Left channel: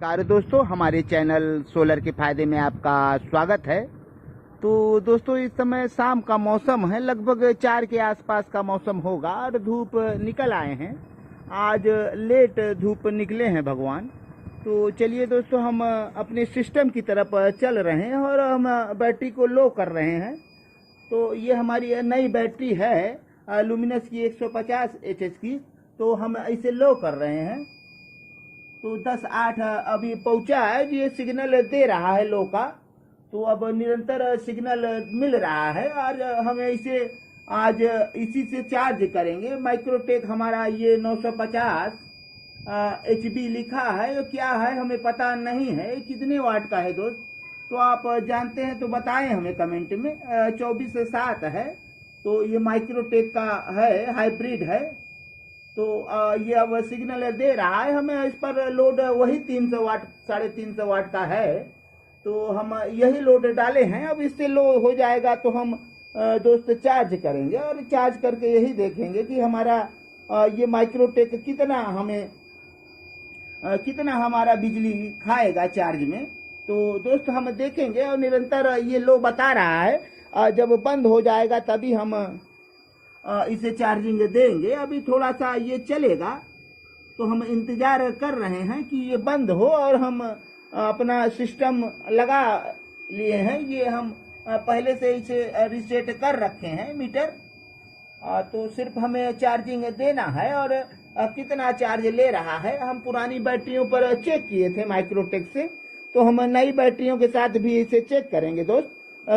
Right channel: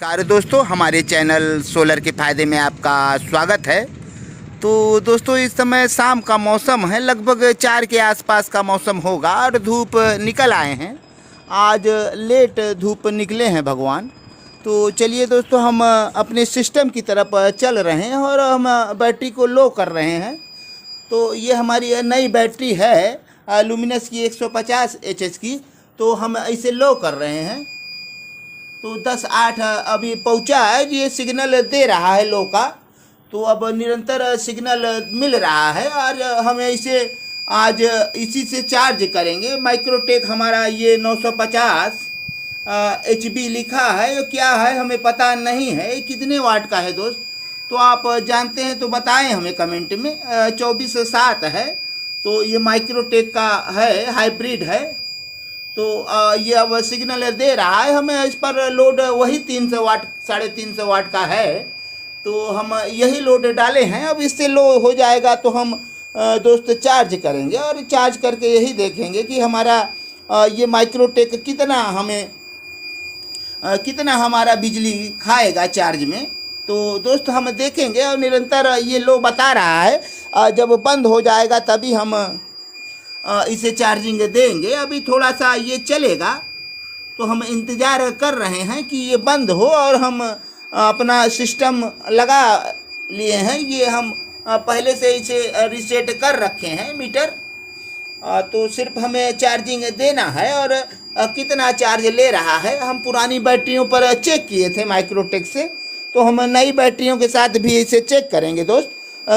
नमस्कार दोस्तों, हमारे चैनल सोलर के फ़ायदे में आपका स्वागत है। तो दोस्तों, इस समय शाम का मौसम है, लगभग 4 के आसपास का मौसम होगा और धूप निकल आए हैं। आज लेट धूप निकले हैं भगवान। तो चलिए दोस्तों, हम अपने सिस्टम की तरफ चल रहे हैं और हम बैटरी को लो कर रहे हैं। तो ये हमारी नई बैटरी है लुमिनस की 150 एचएच की। तो हम इसे लो कर रहे हैं। तो 10:08 अभी पहुंचा है। ये सिग्नल दे रहा है लो का। तो अब निरंतर सिग्नल मिल रहा है और हम इसे आज इसी से चार्ज करेंगे। माइक्रोटेक हमारा ये 950 HB लिखा है। ये क्या है हमें पता नहीं है। ये कितने वाट का है दोस्त? तो आप जानते हैं तो बताएं हमें कमेंट में। 24/7 है। तो ये माइक्रोटेक का है, हाइब्रिड है। तो ये अब सिग्नल दे रहा है हमें। इस पर लोड वही 300 वाट 350 वाट का है। तो हम यही लोड डाले हैं। अब इससे लो हो जाएगा तो हम दोस्त चार्ज करेंगे और चार्ज करके यही देखेंगे कि हमारा ये माइक्रोटेक कितना हमारा बिजली खाएगा चार्ज में। तो दोस्त हम देखेंगे और निरंतर ये लो बता रहा है। जब बंद हो जाएगा तभी हम इसे चार्जिंग देंगे। अभी थोड़ा सा ये चलेगा तो हम इंतज़ार कर रहे हैं कि ये बंद हो और हम अपना सिस्टम लगा लिए हैं। ये हम पहले से इसे रीसेट कर रखे हैं मीटर। तो सिर्फ हमें चार्जिंग देना है और कितना चार्ज ले रहा है हम पुरानी बैटरियों पर चेक किए थे माइक्रोटेक से। तो हम नई बैटरियों के साथ भी इसे चेक करेंगे दोस्त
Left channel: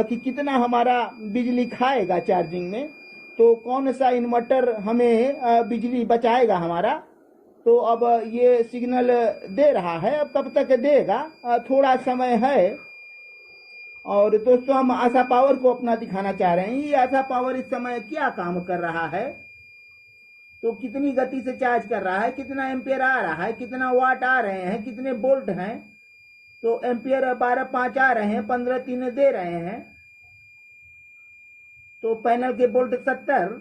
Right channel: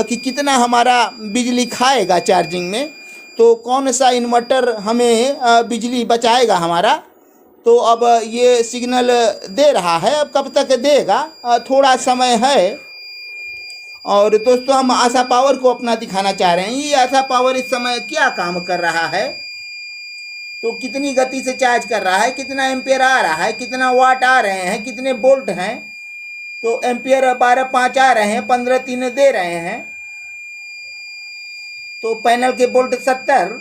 कि कितना हमारा बिजली खाएगा चार्जिंग में। तो कौन सा इन्वर्टर हमें बिजली बचाएगा हमारा। तो अब ये सिग्नल दे रहा है। अब कब तक देगा थोड़ा समय है। और दोस्तों, हम आशा पावर को अपना दिखाना चाह रहे हैं। ये आशा पावर इस समय क्या काम कर रहा है। तो कितनी गति से चार्ज कर रहा है, कितना एम्पियर आ रहा है, कितना वाट आ रहे हैं, कितने वोल्ट हैं। तो एम्पियर 12.5 आ रहे हैं, 15.3 दे रहे हैं। तो पैनल के वोल्ट 70,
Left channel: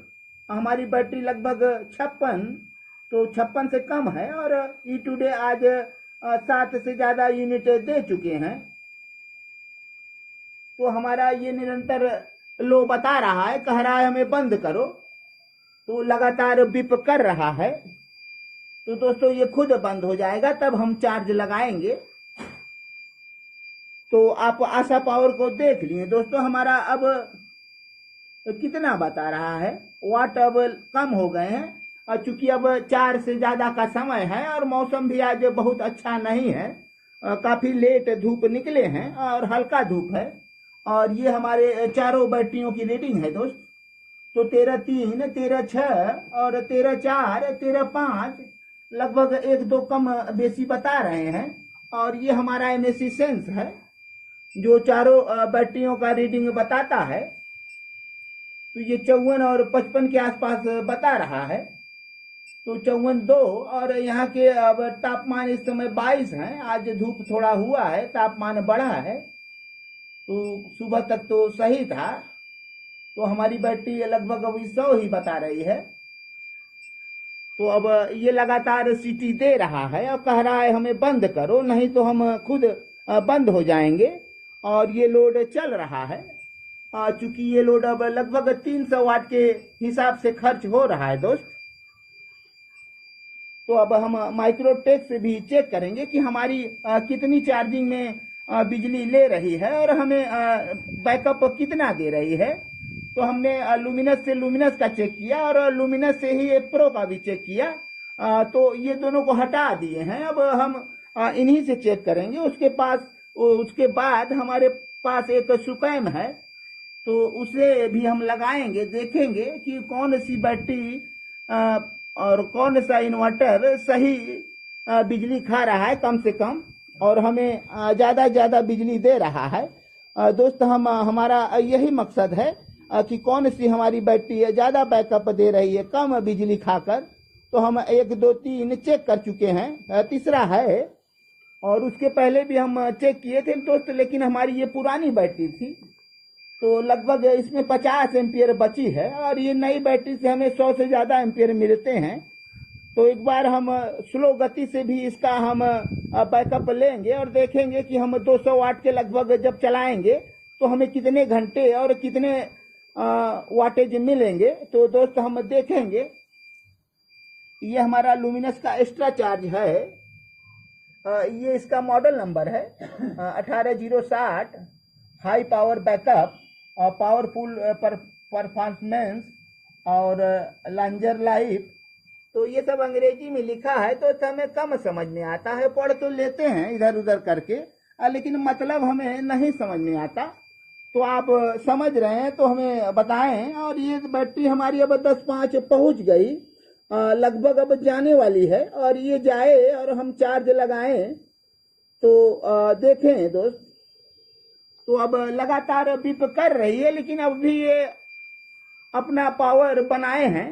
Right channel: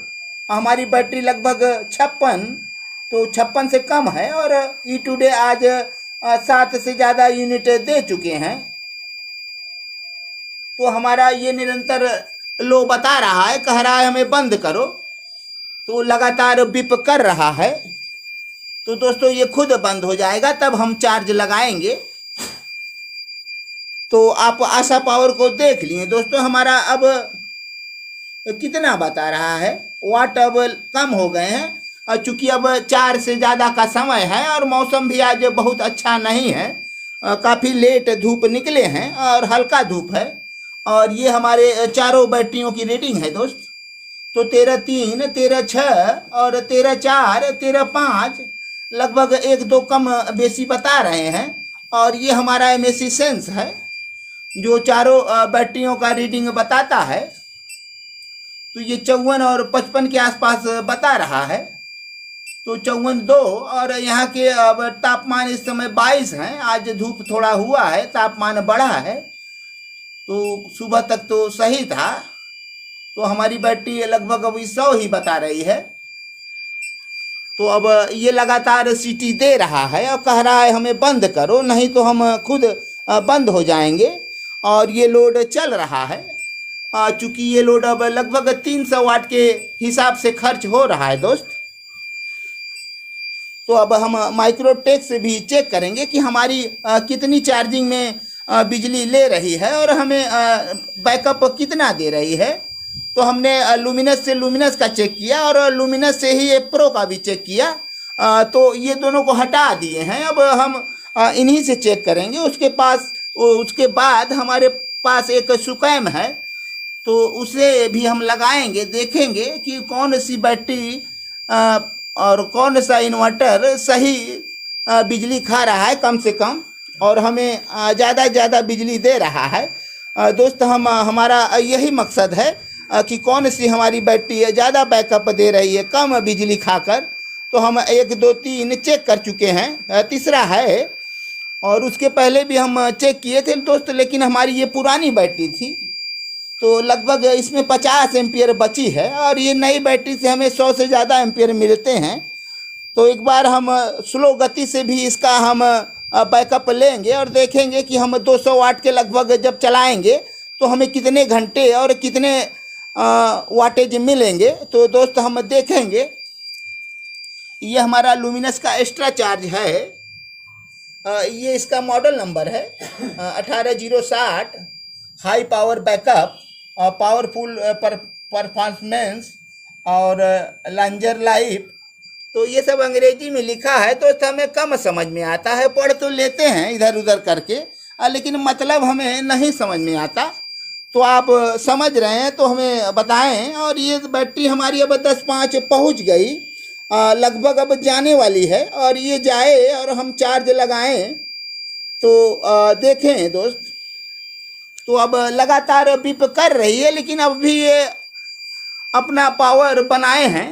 हमारी बैटरी लगभग 56। तो 56 से कम है और ई टुडे आज 7 से ज़्यादा यूनिट दे चुके हैं। तो हमारा ये निरंतर लो बता रहा है, कह रहा है हमें बंद करो। तो लगातार बिप कर रहा है। तो दोस्तों, ये खुद बंद हो जाएगा तब हम चार्ज लगाएंगे। तो आप आशा पावर को देख लिए दोस्तों। हमारा अब कितना बता रहा है, वाट अब कम हो गए हैं। चूँकि अब 4 से ज़्यादा का समय है और मौसम भी आज बहुत अच्छा नहीं है। काफ़ी लेट धूप निकले हैं और हल्का धूप है। और ये हमारे चारों बैटरियों की रीडिंग है दोस्त। तो 13.3, 13.6 और 13.4, 13.5 लगभग 1-2 कम बेसी बता रहे हैं। और ये हमारा MAC सेंस है जो चारों बैटरियों का रीडिंग बताता है। तो ये 54 और 55 के आसपास बता रहा है। तो 54.2 और यहाँ के अब तापमान इस समय 22 हैं। आज धूप थोड़ा हुआ है, तापमान बढ़ा है। तो सुबह तक तो सही था। तो हमारी बैटरी लगभग अभी 100 ही बता रही है। तो अब ये लगातार सीटी दे रहा है और कह रहा है हमें बंद करो, नहीं तो हम खुद बंद हो जाएंगे। और ये लोड चल रहा है। चूँकि ये लोड अब लगभग 300 वाट के हिसाब से खर्च हो रहा है दोस्त। तो अब हम माइक्रोटेक से भी चेक करेंगे कि हमारी कितनी चार्जिंग में बिजली ले रही है और हमें बैकअप कितना दे रही है। तो हमने लुमिनस का चेक किया और लुमिनस से ही ये प्रो का भी चेक किया। तो ये दोनों को हटा दिए हैं। अब हम इन्हीं से चेक करेंगे। उसके बाद हमारे पास एक सुकैम है। तो उसे भी हम लगाएंगे, देखेंगे कि कौन सी बैटरी और कौन सा इन्वर्टर सही बिजली खा रहा है कम से कम और हमें ज़्यादा से ज़्यादा बिजली दे रहा है। दोस्त, हमारा यही मकसद है कि कौन सी हमारी बैटरी ज़्यादा बैकअप दे रही है कम बिजली खाकर। तो हम 1, 2, 3 चेक कर चुके हैं, तीसरा है। और उसके पहले भी हम चेक किए थे दोस्त, लेकिन हमारी ये पुरानी बैटरी थी। तो लगभग इसमें 50 एम्पियर बची है और ये नई बैटरी से हमें 100 से ज़्यादा एम्पियर मिलते हैं। तो एक बार हम स्लो गति से भी इसका हम बैकअप लेंगे और देखेंगे कि हम 200 वाट के लगभग जब चलाएंगे तो हमें कितने घंटे और कितने वाटेज मिलेंगे। तो दोस्त हम देखेंगे। ये हमारा लुमिनस का एक्स्ट्रा चार्ज है। ये इसका मॉडल नंबर है 18060, high power backup, powerful performance और लॉन्जर लाइफ। तो ये सब अंग्रेजी में लिखा है तो हमें कम समझ में आता है, पढ़ तो लेते हैं इधर उधर करके, लेकिन मतलब हमें नहीं समझ में आता। तो आप समझ रहे हैं तो हमें बताएं। और ये बैटरी हमारी अब 10-5 पहुंच गई, लगभग अब जाने वाली है। और ये जाए और हम चार्ज लगाएं तो देखें दोस्त, तो अब लगातार बीप कर रही है, लेकिन अब भी ये अपना पावर बनाए हैं।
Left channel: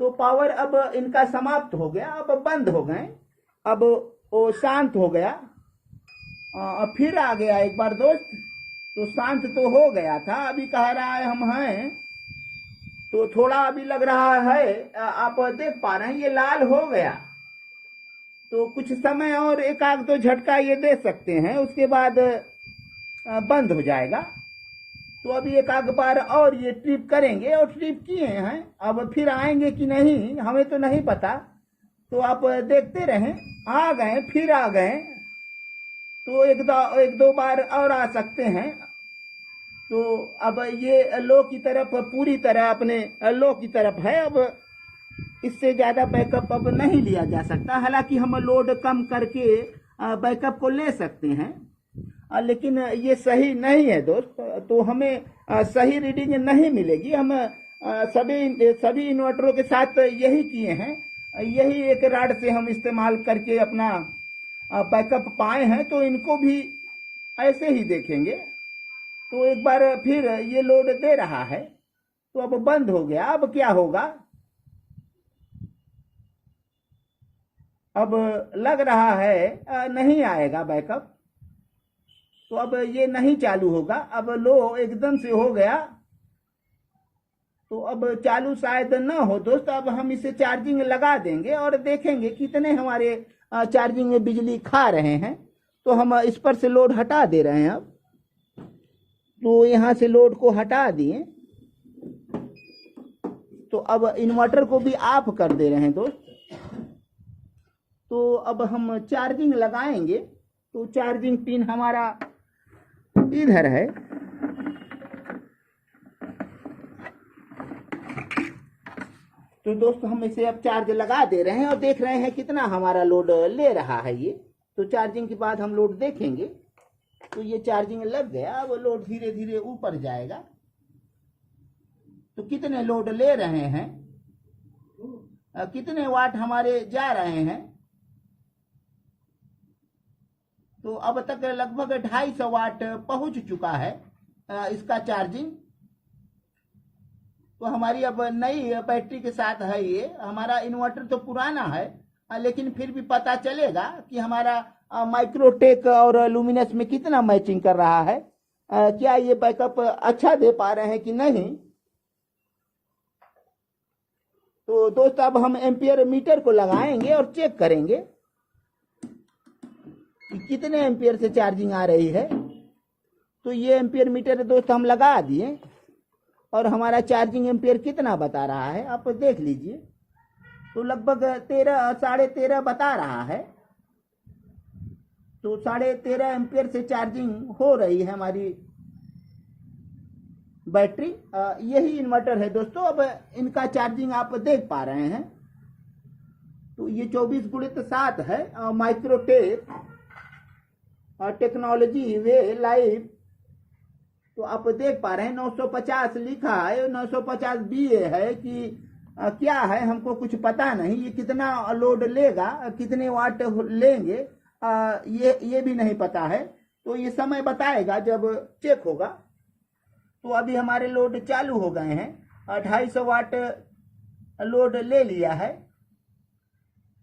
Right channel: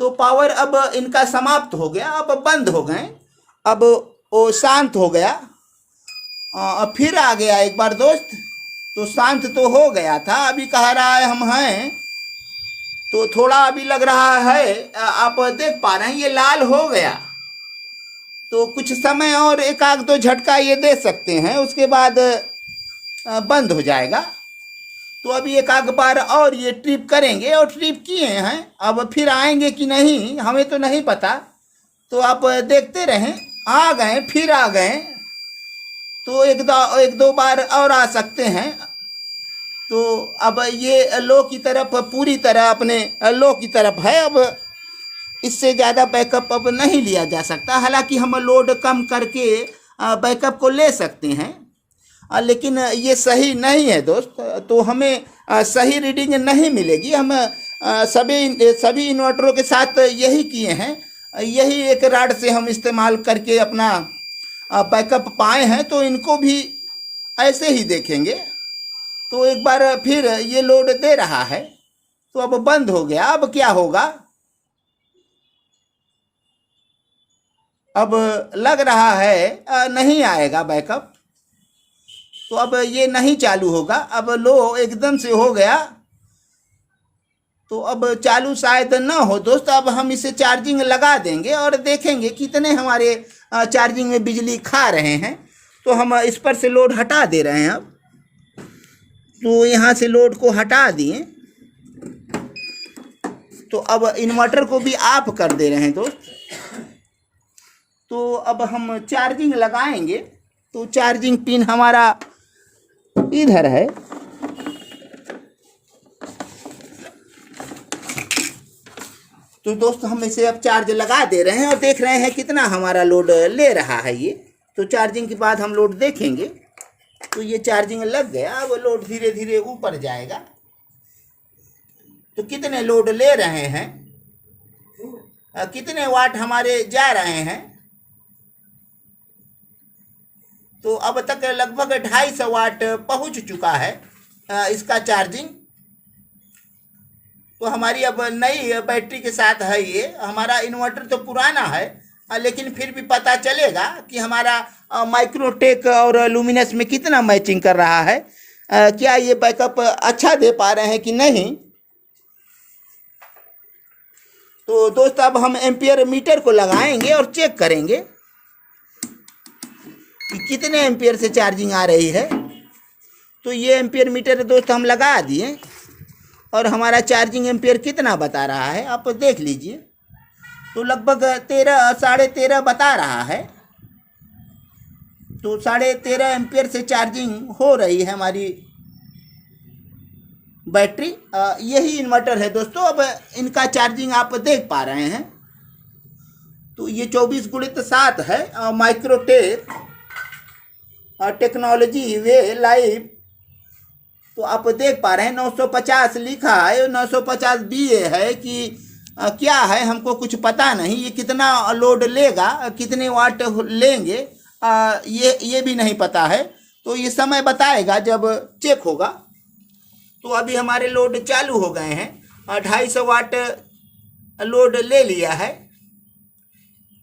तो पावर अब इनका समाप्त हो गया, अब बंद हो गए, अब वो शांत हो गया। फिर आ गया एक बार दोस्त, तो शांत तो हो गया था, अभी कह रहा है हम हैं। तो थोड़ा अभी लग रहा है, आप देख पा रहे हैं ये लाल हो गया। तो कुछ समय और एक आध दो झटका ये दे सकते हैं, उसके बाद बंद हो जाएगा। तो अभी एक आध बार और ये ट्रिप करेंगे, और ट्रिप किए हैं, अब फिर आएंगे कि नहीं हमें तो नहीं पता। तो आप देखते रहें, आ गए फिर आ गए, तो एक दो बार और आ सकते हैं। तो अब ये लो की तरफ पूरी तरह अपने लो की तरफ है। अब इससे ज़्यादा बैकअप अब नहीं लिया जा सकता। हालांकि हम लोड कम करके बैकअप को ले सकते हैं, लेकिन ये सही नहीं है दोस्त। तो हमें सही रीडिंग नहीं मिलेगी। हम सभी इन्वर्टरों के साथ यही किए हैं, यही एक राड से हम इस्तेमाल करके अपना बैकअप पाए हैं। तो इनको भी ऐसे ही देखेंगे। तो एक बार फिर ये लोड दे रहा है, तो अब बंद हो गया। अब क्या होगा, अब लग रहा है नहीं आएगा बैकअप। तो अब ये नहीं चालू होगा, अब लो एकदम से हो गया। तो अब चालू शायद ना हो दोस्त। अब हम इसे चार्जिंग लगा देंगे और देखेंगे कितने हमारे चार्जिंग में बिजली खा रहे हैं। तो हम इस पर से लोड हटा दे रहे हैं। अब तो यहाँ से लोड को हटा दिए, तो अब इन्वर्टर को भी ऑफ कर दे रहे हैं दोस्त। तो अब हम चार्जिंग लगाएंगे। तो चार्जिंग पिन हमारा इधर है। तो दोस्त हम इसे अब चार्ज लगा दे रहे हैं और देख रहे हैं कितना हमारा लोड ले रहा है ये। तो चार्जिंग के बाद हम लोड देखेंगे। तो ये चार्जिंग लग गया, अब लोड धीरे धीरे ऊपर जाएगा। तो कितने लोड ले रहे हैं, कितने वाट हमारे जा रहे हैं। तो अब तक लगभग 250 वाट पहुंच चुका है इसका चार्जिंग। तो हमारी अब नई बैटरी के साथ है ये। हमारा इन्वर्टर तो पुराना है, लेकिन फिर भी पता चलेगा कि हमारा माइक्रोटेक और लुमिनस में कितना मैचिंग कर रहा है, क्या ये बैकअप अच्छा दे पा रहे हैं कि नहीं। तो दोस्त अब हम एम्पियर मीटर को लगाएंगे और चेक करेंगे कि कितने एम्पियर से चार्जिंग आ रही है। तो ये एम्पियर मीटर दोस्त हम लगा दिए और हमारा चार्जिंग एम्पियर कितना बता रहा है आप देख लीजिए। तो लगभग 13-13.5 बता रहा है। तो 13.5 एम्पियर से चार्जिंग हो रही है हमारी बैटरी। यही इन्वर्टर है दोस्तों। अब इनका चार्जिंग आप देख पा रहे हैं। तो ये 24x7 है, माइक्रोटेक टेक्नोलॉजी वे लाइव। तो आप देख पा रहे हैं 950 लिखा है, 950 BA है कि क्या है हमको कुछ पता नहीं। ये कितना लोड लेगा, कितने वाट लेंगे, ये भी नहीं पता है। तो ये समय बताएगा जब चेक होगा। तो अभी हमारे लोड चालू हो गए हैं, 250 वाट लोड ले लिया है।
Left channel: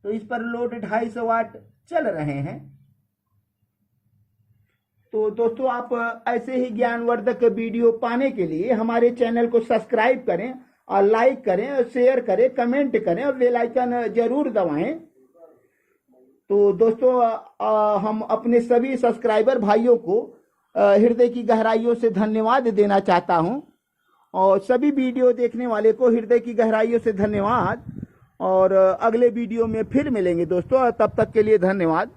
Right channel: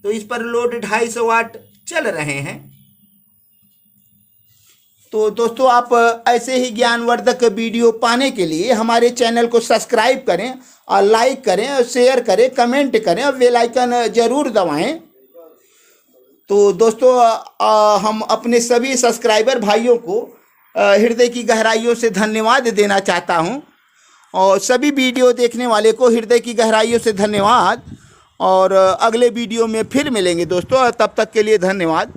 तो इस पर लोड 250 वाट चल रहे हैं। तो दोस्तों आप ऐसे ही ज्ञानवर्धक वीडियो पाने के लिए हमारे चैनल को सब्सक्राइब करें और लाइक करें और शेयर करें, कमेंट करें और बेल आइकन जरूर दबाएं। तो दोस्तों हम अपने सभी सब्सक्राइबर भाइयों को हृदय की गहराइयों से धन्यवाद देना चाहता हूं, और सभी वीडियो देखने वाले को हृदय की गहराइयों से धन्यवाद। और अगले वीडियो में फिर मिलेंगे दोस्तों, तब तक के लिए धन्यवाद।